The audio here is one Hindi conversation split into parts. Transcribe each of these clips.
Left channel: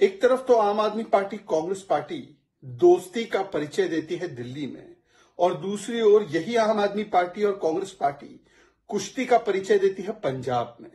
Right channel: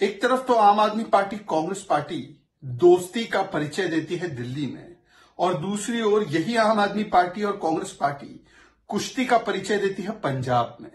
एक तरफ तो आम आदमी पार्टी कांग्रेस पार्टी दोस्ती का परिचय देती है दिल्ली में, और दूसरी ओर यही आम आदमी पार्टी और कांग्रेस पार्टी कुश्ती का परिचय देती है पंजाब में।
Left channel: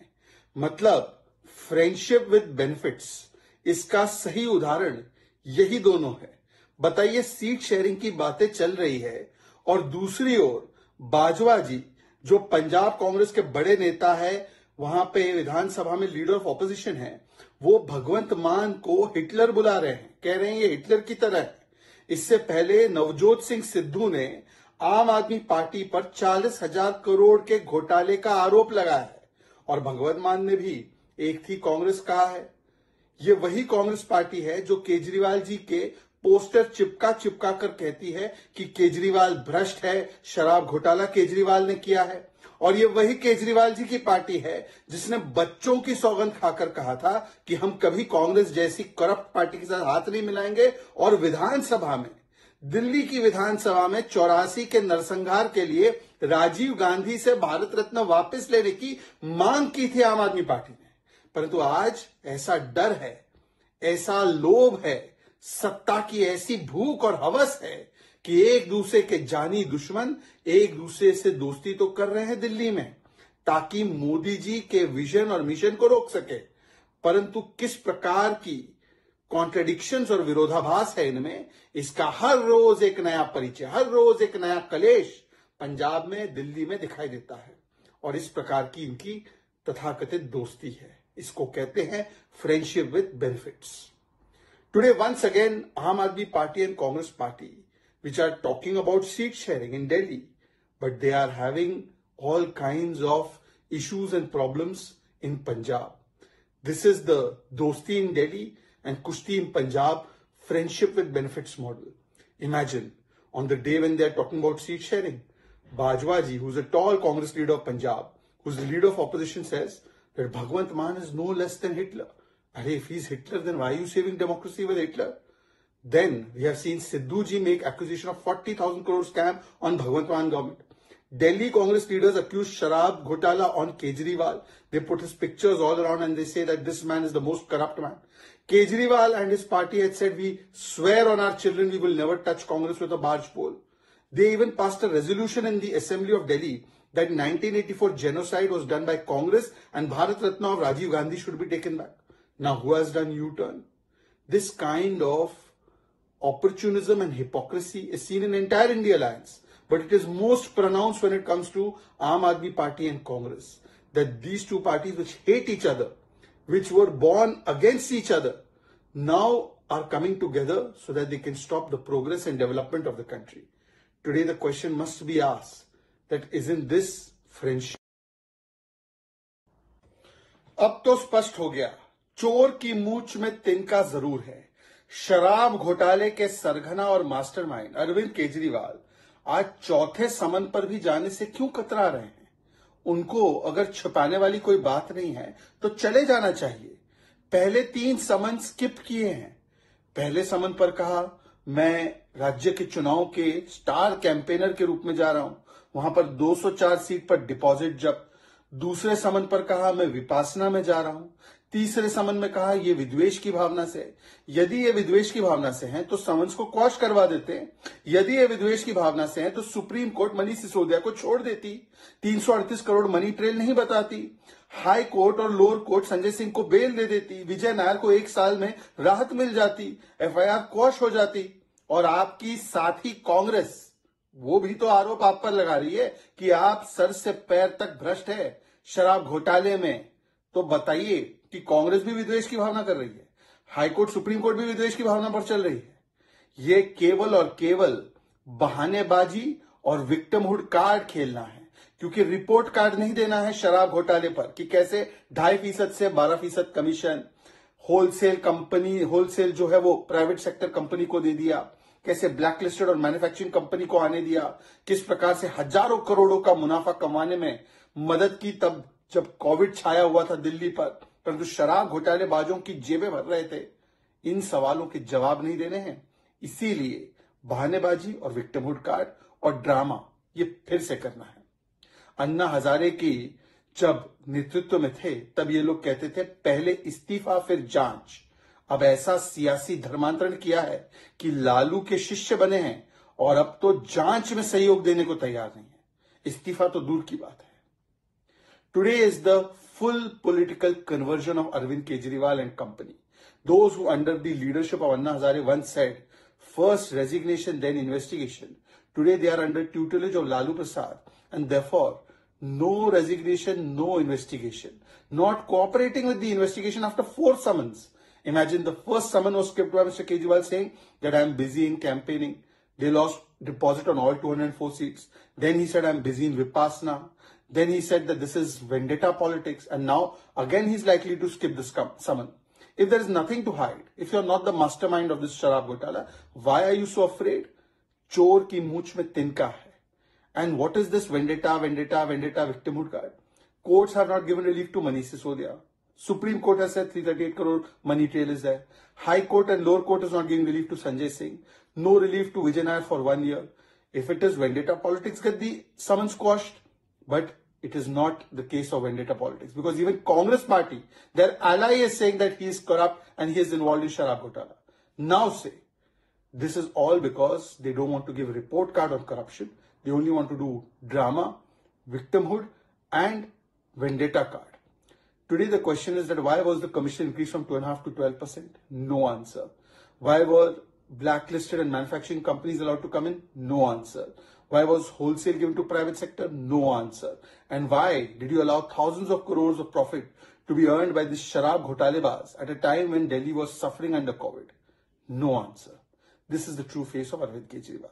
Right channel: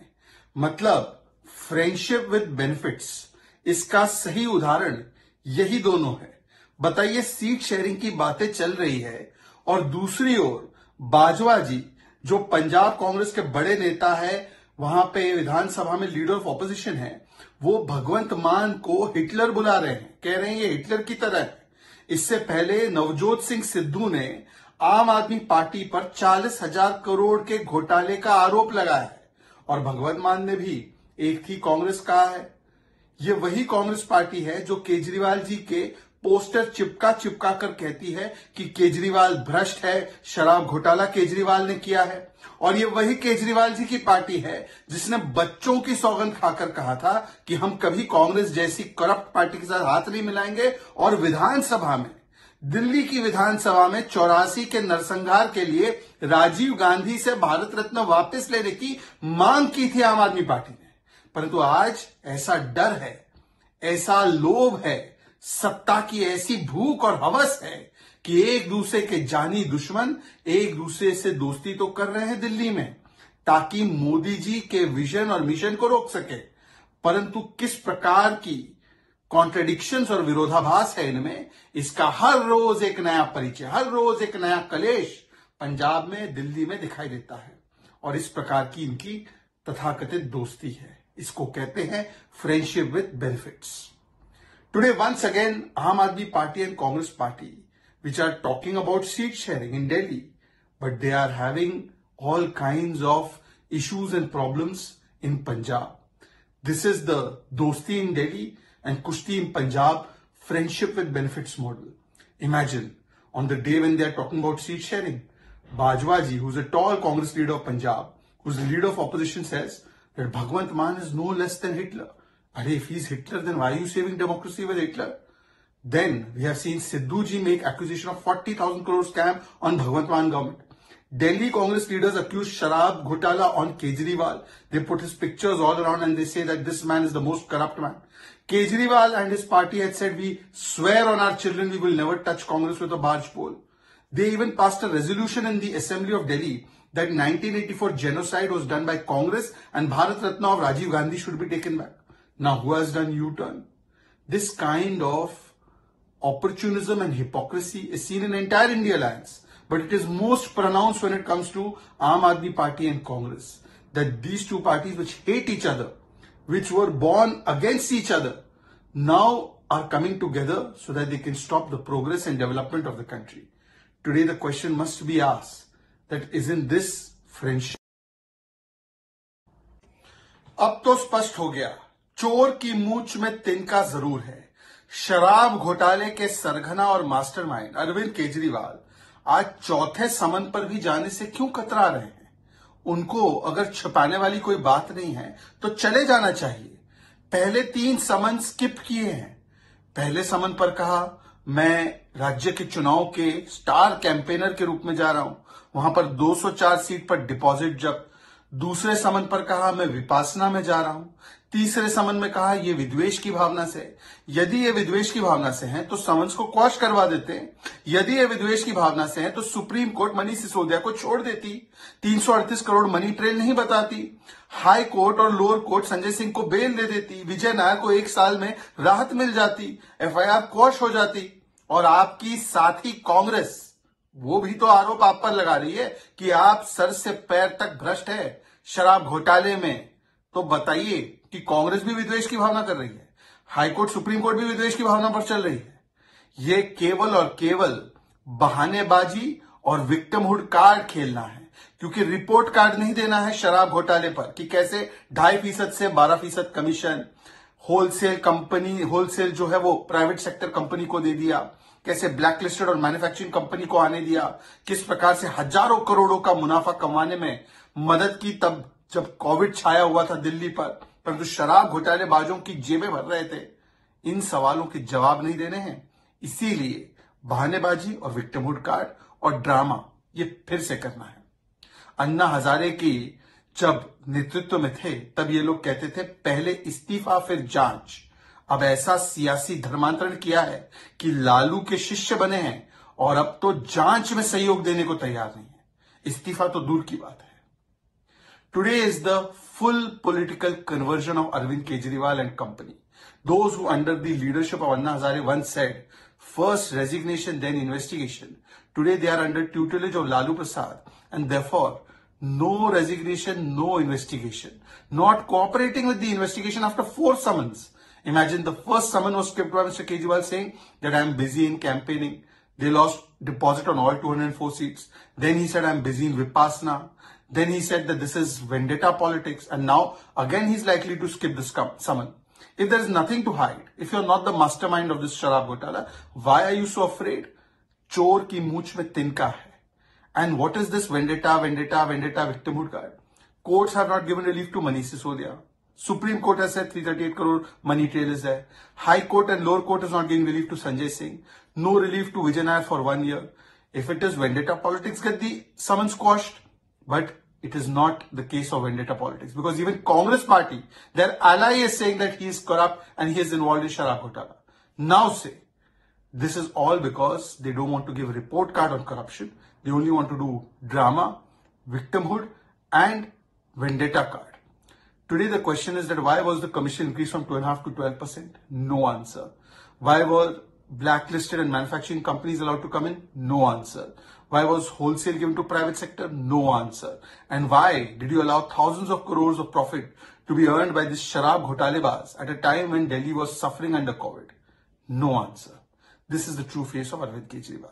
मतलब फ्रेंडशिप विद बेनिफिट्स, इसका सही उदाहरण यही दोनों है। बताइए, सीट शेयरिंग की बातें चल रही है और दूसरी ओर बाजवा जी जो पंजाब कांग्रेस के बड़े नेता है, वहां पे विधानसभा में लीडर ऑफ ऑपोजिशन है, वो भगवंत मान को हिटलर बुला रहे हैं, कह रहे हैं ये हिटलर की तरह है। इससे पहले नवजोत सिंह सिद्धू ने आम आदमी पार्टी पर 40,000 करोड़ के घोटाले का आरोप लगाया है और भगवंत मान ने भी एक थी कांग्रेस कहा है। ये वही कांग्रेस पार्टी है जो केजरीवाल जी के पोस्टर चिपका कर कहती है कि केजरीवाल भ्रष्ट है, शराब घोटाला केजरीवाल ने किया है। और ये वही केजरीवाल जी की पार्टी है जिसने बच्चों की सौगंध खाकर कहा था कि हम कभी कांग्रेस जैसी करप्ट पार्टी के साथ हाथ नहीं मिलाएंगे, और विधानसभा में, दिल्ली की विधानसभा में 84 के नरसंहार के लिए राजीव गांधी से भारत रत्न वापस लेने की मांग की थी आम आदमी पार्टी ने। परंतु आज ऐसा डर है, ऐसा लोभ है, सत्ता की ऐसी भूख और हवस है कि एक दूसरे के जानी दुश्मन एक दूसरे से दोस्ती तो कर रहे हैं दिल्ली में ताकि मोदी जी के विजन और मिशन को रोक सके। परंतु किस प्रकार की कॉन्ट्रेडिक्शंस और विरोधाभास है इनमें, इसका हर रोज एक नया परिचय, हर रोज एक नया कलेश पंजाब में, दिल्ली में दिखाई देता है। और इस प्रकार की इनकी तथाकथित दोस्ती है, इसको कहते हैं friendship with benefits. Today, once again, Aam Aadmi Party and Congress Party, which are talking about seat sharing in Delhi, but they are having all kinds of issues and problems in Punjab. This is the Dosti in Delhi and Kushti in Punjab friendship with benefits model. Imagine, on the day when they are talking about seat sharing, Bajwa ji, who's a tall Congress leader of Punjab, who's the leader of opposition, says that Bhagwant Mann is no less than Hitler. If he's Hitler, then why are you saving democracy with Hitler? Then we have seen Sidhu ji make accusation of 40,000 crore scam on Bhagwant Mann government. Delhi Congress leaders accuse Sharab Ghotala on Kejriwal. They put his pictures all around and they say that this man is the most corrupt man. Kejriwal and his party had said, we swear on our children we will never touch Congress with a barge pole. They even passed a resolution in the Assembly of Delhi that 1984 genocide was done by Congress and Bharat Ratna of Rajiv Gandhi should be taken back. Now, who has done U-turn? This kind of opportunism and hypocrisy is seen in entire India Alliance, but it is most pronounced when it comes to Aam Aadmi Party and Congress. That these two parties which hate each other, which were born against each other, now are coming together so that they can stop the progress and development of the country. Today, the question must be asked that isn't this friendship? अब तो स्पष्ट हो गया, चोर की मूंछ में तिनका जरूर है। शराब घोटाले के सरगना और मास्टरमाइंड अरविंद केजरीवाल आज चौथे समन पर भी जाने से क्यों कतरा रहे हैं? उनको अगर छुपाने वाली कोई बात नहीं है तो चले जाना चाहिए। पहले 3 समन स्किप किए हैं। पहले समन पर कहा मैं राज्य के चुनाव के स्टार कैंपेनर के रूप में जा रहा हूं, वहां पर 204 सीट पर डिपॉजिट जब्त। दूसरे समन पर कहा मैं विपासना में जा रहा हूं। तीसरे समन में कहा ये विद्वेष की भावना से। यदि ये विद्वेष की भावना से हैं तो समन्स को क्वॉश करवा देते। यदि ये विद्वेष की भावना से हैं तो सुप्रीम कोर्ट मनीष सिसोदिया को छोड़ देती, 338 करोड़ मनी ट्रेल नहीं बताती, हाई कोर्ट और लोअर कोर्ट संजय सिंह को बेल दे देती, विजय नायर को 1 साल में राहत मिल जाती, FIR क्वॉश हो जाती। और आपकी साथी कांग्रेस, वो भी तो आरोप आप पर लगा रही है कि आप सर से पैर तक भ्रष्ट है शराब घोटाले में। तो बताइए कि कांग्रेस भी विद्वेष की भावना कर रही है, हाईकोर्ट सुप्रीम कोर्ट भी विद्वेष की भावना पर चल रही है। ये केवल और केवल बहानेबाजी और विक्टिमहुड कार्ड खेलना है, क्योंकि रिपोर्ट कार्ड नहीं देना है शराब घोटाले पर कि कैसे 2.5% से 12% कमीशन होलसेल कंपनी, होलसेल जो है वो प्राइवेट सेक्टर कंपनी को दे दिया, कैसे ब्लैकलिस्टेड और मैन्युफैक्चरिंग कंपनी को आने दिया, किस प्रकार से हजारों करोड़ों का मुनाफा कमाने में मदद की तब जब कोविड छाया हुआ था दिल्ली पर, परंतु शराब घोटालेबाजों की जेबें भर रहे थे। इन सवालों के जवाब नहीं देने हैं, इसीलिए बहानेबाजी और विक्टिमहुड कार्ड और ड्रामा ये फिर से करना है। अन्ना हजारे की जब नेतृत्व में थे तब ये लोग कहते थे पहले इस्तीफा फिर जांच। अब ऐसा सियासी धर्मांतरण किया है कि लालू के शिष्य बने हैं और अब तो जांच में सहयोग देने को तैयार नहीं है। इस्तीफा तो दूर की बात है। Today is the full political conversion of Arvind Kejriwal and company. Those who under the leadership of Anna Hazare once said, first resignation, then investigation. Today they are under tutelage of Lalu Prasad and therefore no resignation, no investigation. Not cooperating with the investigation after 4 summons. Imagine the first summon was skipped by Mr. Kejriwal saying that I am busy in campaigning. They lost deposit on all 204 seats. Then he said I am busy in Vipassana. Then he said that this is vendetta politics, and now again he's likely to skip this summon. If there is nothing to hide, if you're not the mastermind of this Sharab Ghotala, why are you so afraid? Chor ki mooch mein tinka hai. And what is this vendetta victimhood card? Courts have not given relief to Manish Sisodia. Supreme Court has said 338 crore money trail is there. High Court and Lower Court is not giving relief to Sanjay Singh. No relief to Vijay Nair for 1 year. If it is vendetta politics, get the summons quashed. But it is not the case of vendetta politics, because even Congress party, their ally is saying that he is corrupt and he is involved in Sharab Ghotala. Now say, this is all because they don't want to give a report card on corruption. They only want to do drama, victimhood and vendetta card. Today the question is that why was the commission increased from 2.5% to 12%? No answer. Why were blacklisted and manufacturing companies allowed to come in? No answer. Why was wholesale given to private sector? No answer. And why did you allow thousands of crores of profit to be earned by this Sharab Ghotalebaz at a time when Delhi was suffering under COVID? No answer. This is the true face of Arvind Kejriwal.